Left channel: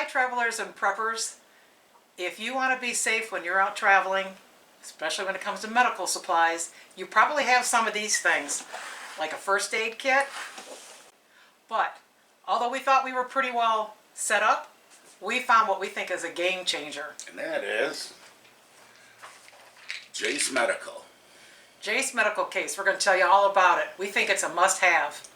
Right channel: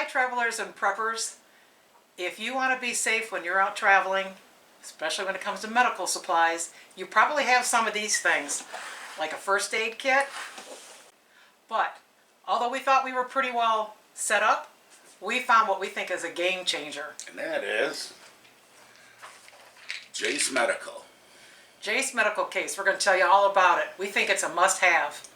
Hi travelers and preppers. If you want to be safe when you're out traveling, especially when it comes to medical supplies, you probably have some of these things, like a first aid kit. But although we thought we were pretty well set up, we found what we think is a game changer. And that is Jase Medical. Jase Medical Case. We're going to tell you all about it. We think it's a must-have.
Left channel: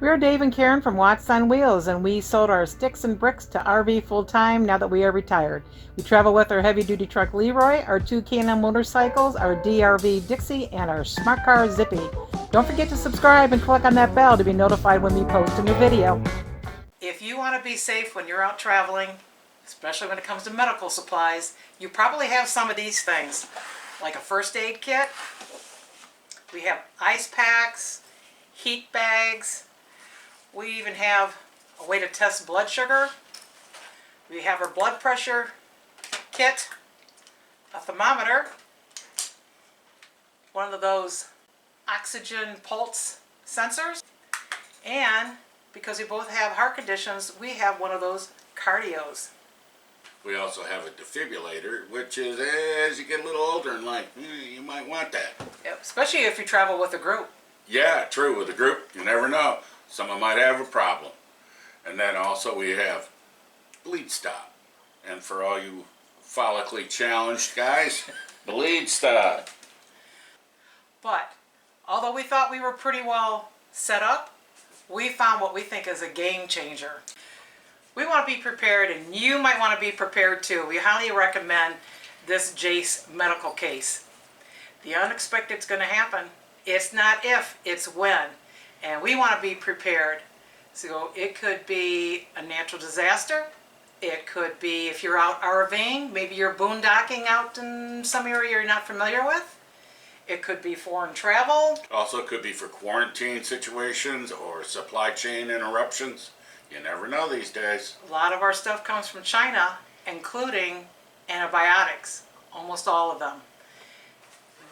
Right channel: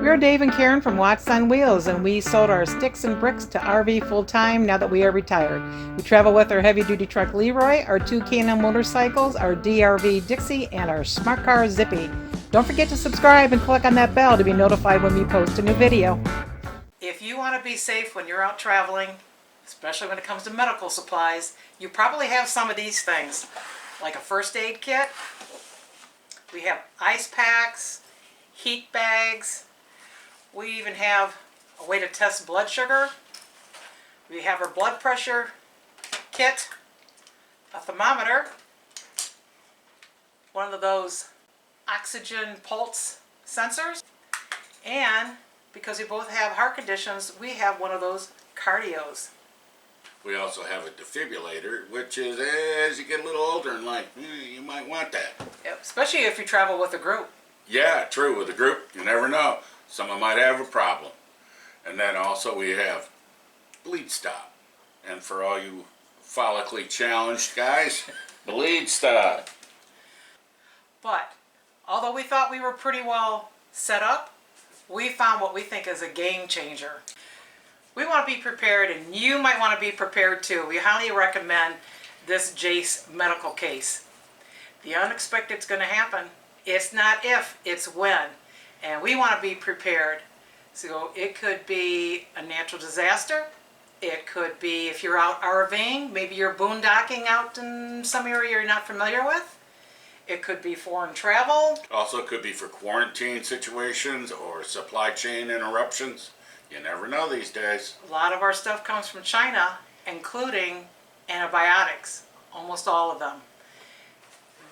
We're Dave and Karen from Watts on Wheels, and we sold our sticks and bricks to RV full-time now that we are retired. We travel with our heavy-duty truck Leroy, our 2 K&N motorcycles, our DRV Dixie, and our smart car Zippy. Don't forget to subscribe and click on that bell to be notified when we post a new video. If you want to be safe when you're out traveling, especially when it comes to medical supplies, you probably have some of these things, like a first aid kit. We have ice packs, heat bags. We even have a way to test blood sugar. We have our blood pressure kit, a thermometer, one of those oxygen pulse sensors, and because we both have heart conditions, we have one of those cardios. We also have a defibrillator, which is, as you get a little older in life, you might want that. Yep, especially if you travel with a group. Yeah, true, with a group, you never know. Someone might have a problem. And then also we have Bleed Stop. And for all you follically challenged guys, Bleed Stop. But although we thought we were pretty well set up, we found what we think is a game changer. We want to be prepared, and you might want to be prepared too. We highly recommend this Jase Medical Case. The unexpected's going to happen. It's not if, it's when. And we want to be prepared. So it could be a natural disaster. It could be if you're out RVing, maybe you're boondocking out in some area you're not familiar with. It could be foreign travel. Also could be for quarantine situations or supply chain interruptions. You never know these days. A lot of our stuff comes from China, including antibiotics, almost all of them.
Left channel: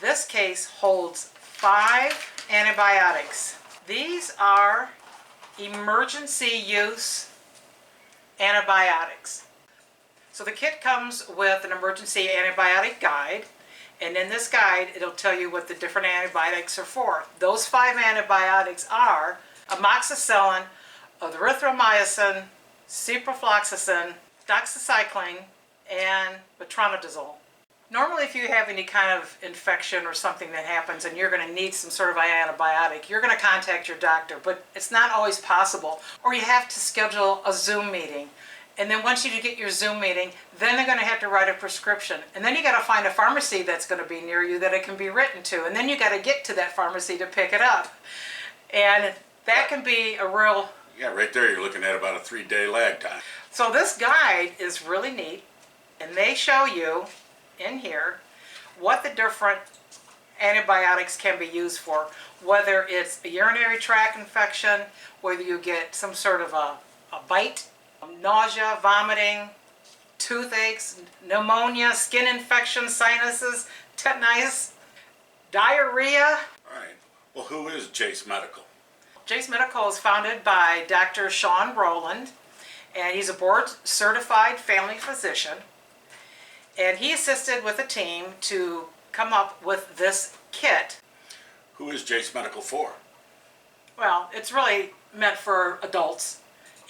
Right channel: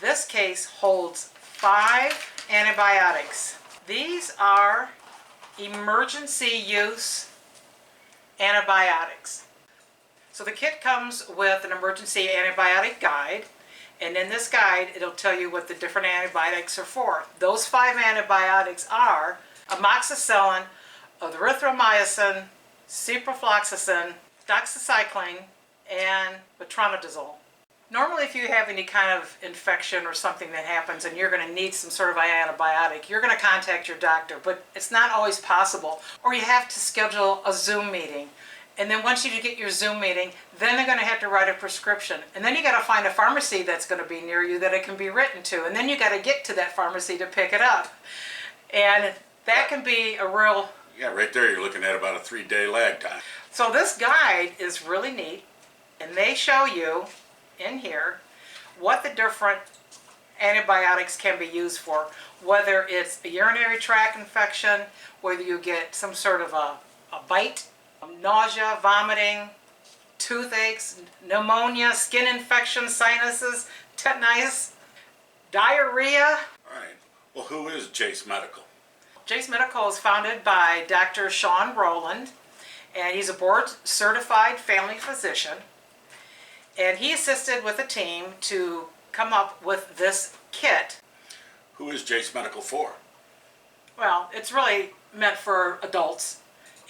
This case holds 5 antibiotics. These are emergency use antibiotics. So the kit comes with an emergency antibiotic guide, and in this guide it'll tell you what the different antibiotics are for. Those 5 antibiotics are amoxicillin, erythromycin, ciprofloxacin, doxycycline, and metronidazole. Normally if you have any kind of infection or something that happens and you're going to need some sort of antibiotic, you're going to contact your doctor, but it's not always possible. Or you have to schedule a Zoom meeting. And then once you get your Zoom meeting, then they're going to have to write a prescription. And then you got to find a pharmacy that's going to be near you that it can be written to. And then you got to get to that pharmacy to pick it up. And that can be a real... Yeah, right there you're looking at about a 3-day lag time. So this guide is really neat, and they show you in here what the different antibiotics can be used for, whether it's a urinary tract infection, whether you get some sort of a bite, nausea, vomiting, toothaches, pneumonia, skin infection, sinuses, tetanus, diarrhea. All right. Well, who is Jase Medical? Jase Medical is founded by Dr. Sean Rowland, and he's a board-certified family physician. And he assisted with a team to come up with this kit. Who is Jase Medical for? Well, it's really meant for adults,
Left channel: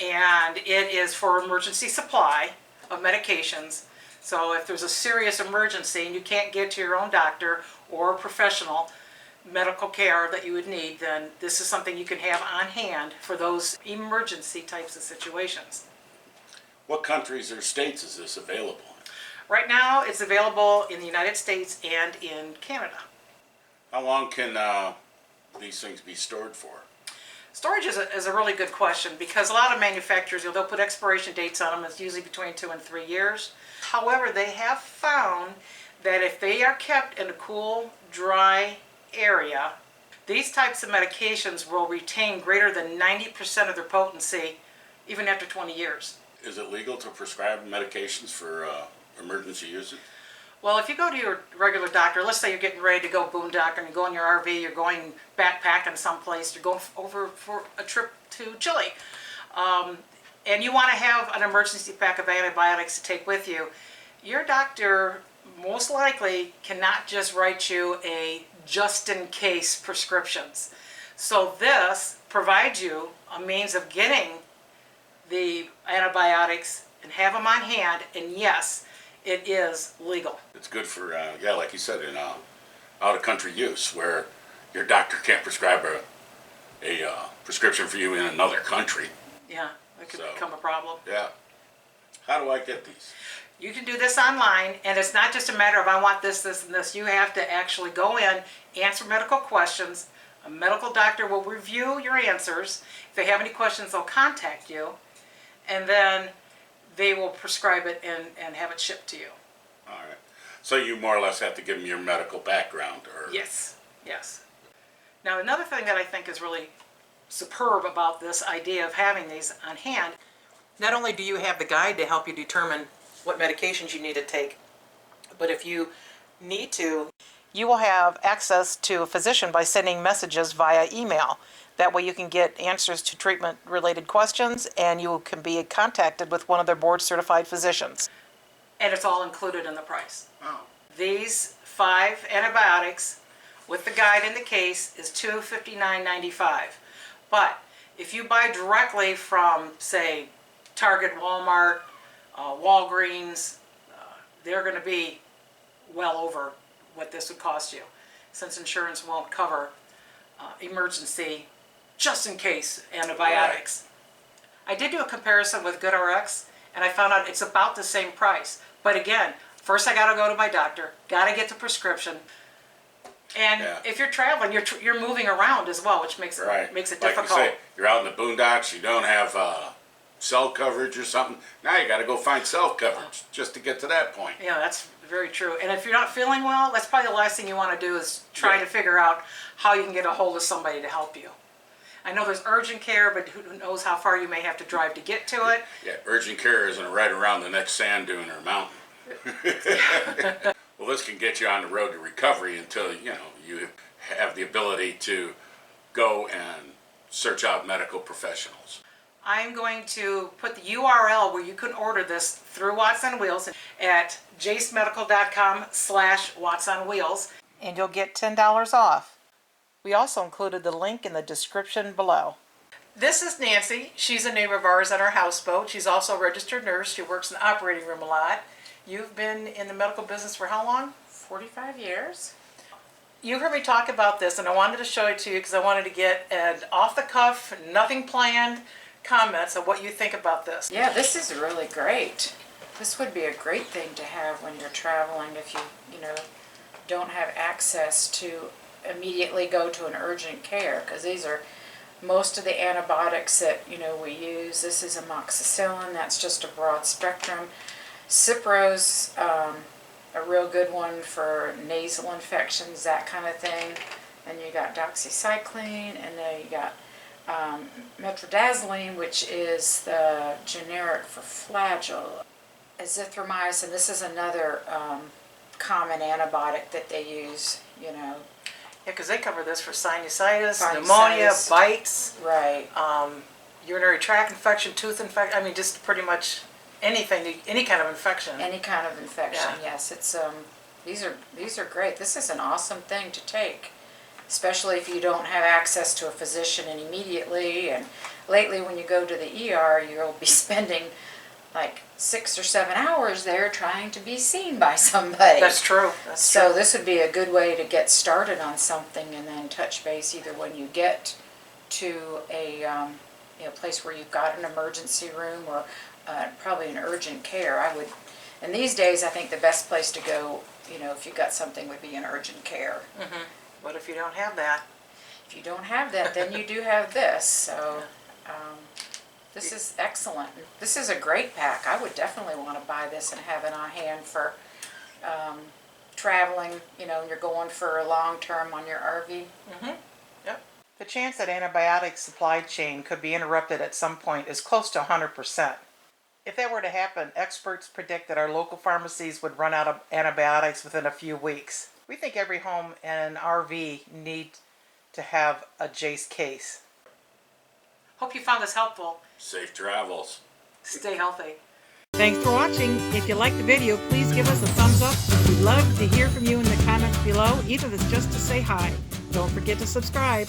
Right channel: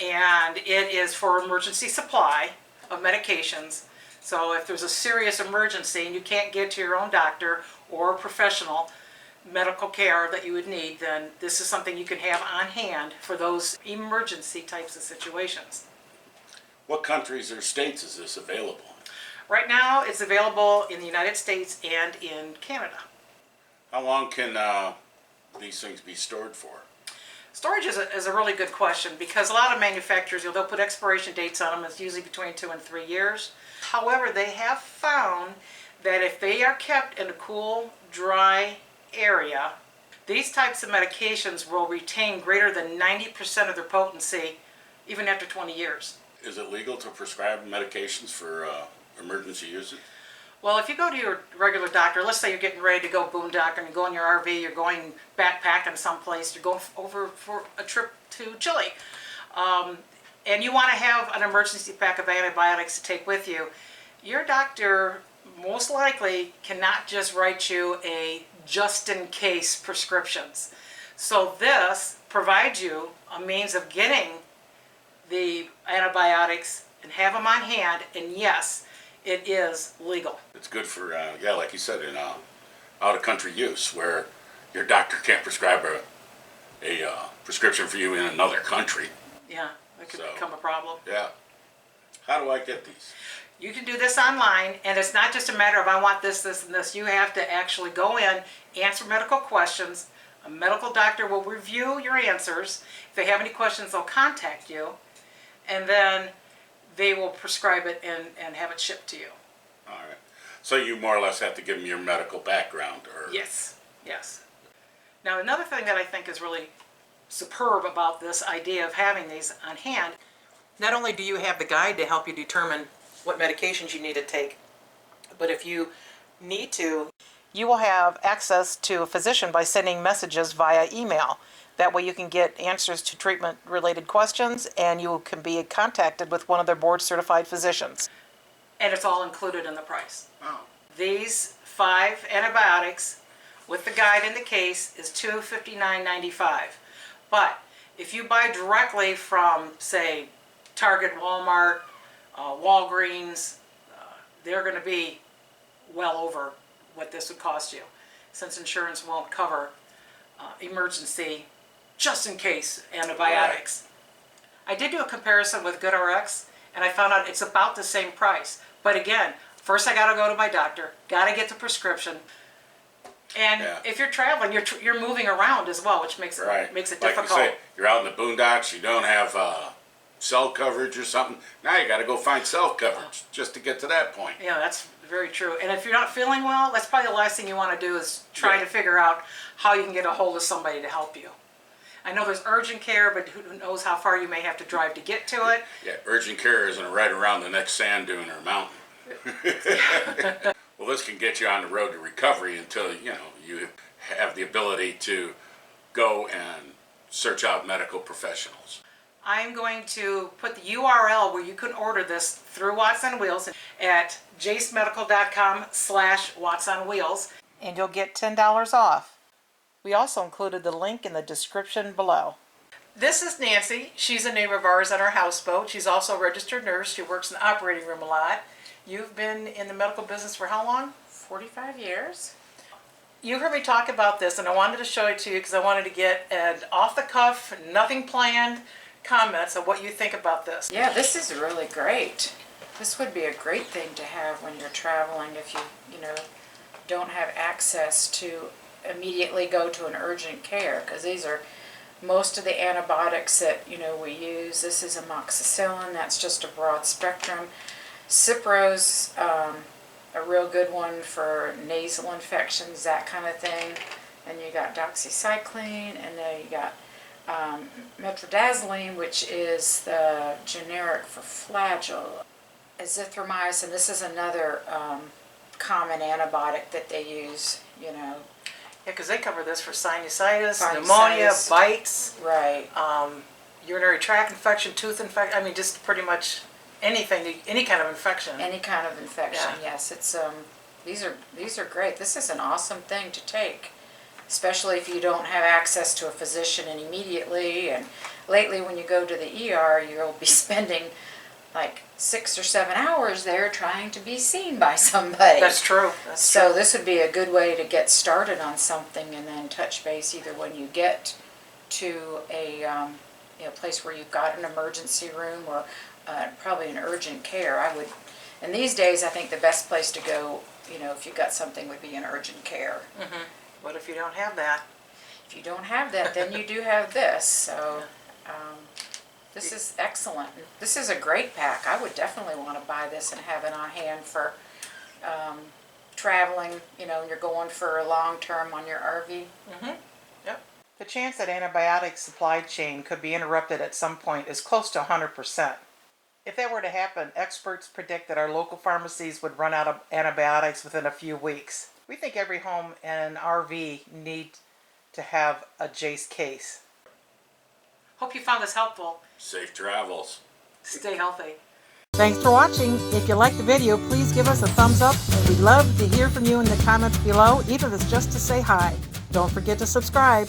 and it is for emergency supply of medications. So if there's a serious emergency and you can't get to your own doctor or professional medical care that you would need, then this is something you can have on hand for those emergency types of situations. What countries or states is this available in? Right now it's available in the United States and in Canada. How long can these things be stored for? Storage is a really good question, because a lot of manufacturers, they'll put expiration dates on them. It's usually between 2 and 3 years. However, they have found that if they are kept in a cool, dry area, these types of medications will retain greater than 90% of their potency even after 20 years. Is it legal to prescribe medications for emergency usage? Well, if you go to your regular doctor, let's say you're getting ready to go boondocking, you go in your RV, you're going backpacking someplace, you're going over for a trip to Chile. and you want to have an emergency pack of antibiotics to take with you, your doctor most likely cannot just write you a just-in-case prescriptions. So this provides you a means of getting the antibiotics and have them on hand, and yes, it is legal. It's good for, yeah, like you said, in out-of-country use where your doctor can't prescribe a prescription for you in another country. Yeah, that could become a problem. Yeah. How do I get these? You can do this online, and it's not just a matter of I want this, this, and this. You have to actually go in, answer medical questions. A medical doctor will review your answers. If they have any questions, they'll contact you, and then they will prescribe it and have it shipped to you. All right. So you more or less have to give them your medical background, or Yes, yes. Now another thing that I think is really superb about this idea of having these on hand, not only do you have the guide to help you determine what medications you need to take, but if you need to, you will have access to a physician by sending messages via email. That way you can get answers to treatment-related questions, and you can be contacted with one of their board-certified physicians. And it's all included in the price. oh, These 5 antibiotics with the guide in the case is $259.95. But if you buy directly from, say, Target, Walmart, Walgreens, they're going to be well over what this would cost you, since insurance won't cover emergency, just in case antibiotics. Right. I did do a comparison with GoodRx, and I found out it's about the same price. But again, first I got to go to my doctor, got to get the prescription, and if you're traveling, you're moving around as well, which makes it difficult. Like you say, you're out in the boondocks, you don't have cell coverage or something. Now you got to go find cell coverage just to get to that point. Yeah, that's very true. And if you're not feeling well, that's probably the last thing you want to do is try to figure out how you can get a hold of somebody to help you. I know there's urgent care, but who knows how far you may have to drive to get to it. Yeah, urgent care isn't right around the next sand dune or mountain. Well, this can get you on the road to recovery until, you have the ability to go and search out medical professionals. I'm going to put the URL where you can order this through Watts on Wheels at jasemedical.com/Watts on Wheels, and you'll get $10 off. We also included the link in the description below. This is Nancy. She's a neighbor of ours on our houseboat. She's also a registered nurse. She works in the operating room a lot. You've been in the medical business for how long? 45 years. You heard me talk about this, and I wanted to show it to you because I wanted to get an off-the-cuff, nothing planned comments of what you think about this. Yeah, this is really great. This would be a great thing to have when you're traveling if you don't have access to immediately go to an urgent care, because these are most of the antibiotics that we use. This is amoxicillin, that's just a broad spectrum. Cipro's a real good one for nasal infections, that kind of thing. And you got doxycycline, and then you got metrodazoline, which is the generic for Flagyl. Azithromycin, this is another common antibiotic that they use, Yeah, because they cover this for sinusitis, pneumonia, bites, right, urinary tract infection, tooth infection. I mean, just pretty much anything, any kind of infection. Any kind of infection, yes. It's these are great. This is an awesome thing to take, especially if you don't have access to a physician immediately. And lately, when you go to the ER, you'll be spending like 6 or 7 hours there trying to be seen by somebody. That's true. So this would be a good way to get started on something and then touch base either when you get to a place where you've got an emergency room or probably an urgent care. And these days I think the best place to go, if you've got something, would be an urgent care. Mm-hmm. What if you don't have that? If you don't have that, then you do have this. So this is excellent. This is a great pack. I would definitely want to buy this and have it on hand for traveling, you're going for a long term on your RV. Mm-hmm. Yep. The chance that antibiotic supply chain could be interrupted at some point is close to 100%. If that were to happen, experts predict that our local pharmacies would run out of antibiotics within a few weeks. We think every home and an RV need to have a Jase case. Hope you found this helpful. Safe travels. Stay healthy. Thanks for watching. If you liked the video, please give us a thumbs up. We'd love to hear from you in the comments below, even if it's just to say hi. Don't forget to subscribe.